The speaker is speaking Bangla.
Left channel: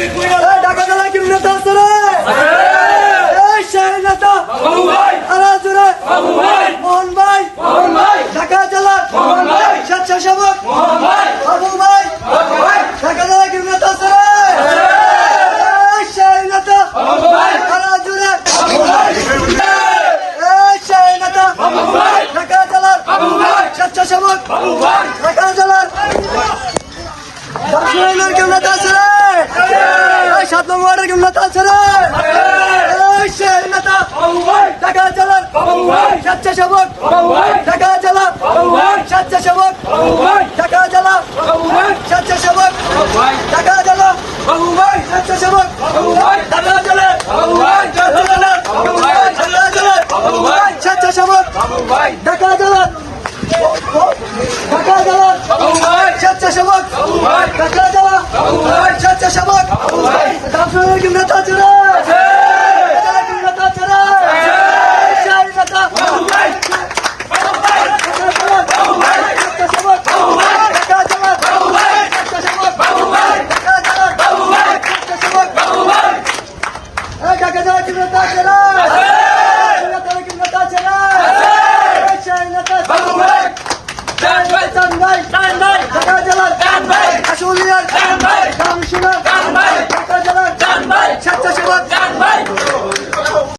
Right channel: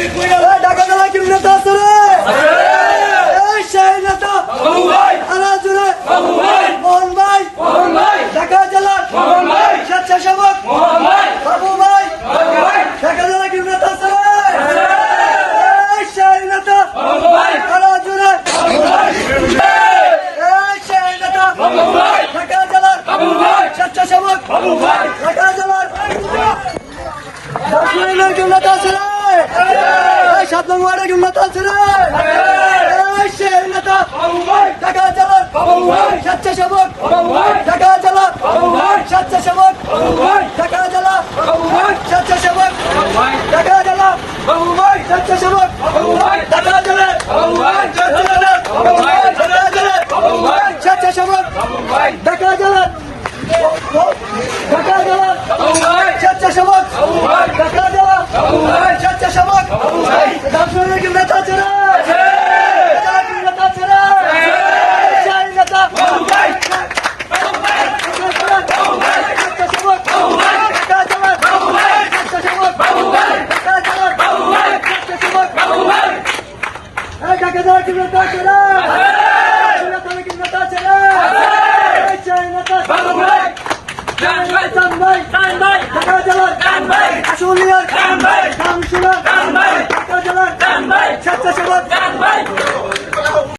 ঢাকা জেলা কি নেতা আছে রে? এই সেই নেতা আলাজুরে মোহন ভাই, ঢাকা জেলার স্বেচ্ছাসেবক বাবু ভাই, ঢাকা জেলা কি নেতা আছে রে? এই সেই নেতা আলাজুরে, এই সেই নেতা ঢাকা জেলার স্বেচ্ছাসেবক ঢাকা জেলার দক্ষিণের কেউ নেতা আছে রে? এই 7 নম্বরের কেউ নেতা আছে রে? এই সেই নেতা ঢাকা জেলার স্বেচ্ছাসেবক ঢাকা জেলা স্বেচ্ছাসেবক ঢাকা জেলা স্বেচ্ছাসেবক ঢাকা জেলা স্বেচ্ছাসেবক ঢাকা জেলা স্বেচ্ছাসেবক ঢাকা জেলা ঢাকা জেলা স্বেচ্ছাসেবক ঢাকা জেলা স্বেচ্ছাসেবক দক্ষিণের কেউ নেতা আছে রে? নেতা আছে রে? সেই নেতা ঢাকা জেলা কি নেতা আছে রে? কি নেতা আছে রে? সেই নেতা ঢাকা জেলার আশুলিয়ার কাউন্সিলর ঢাকা জেলার স্বেচ্ছাসেবক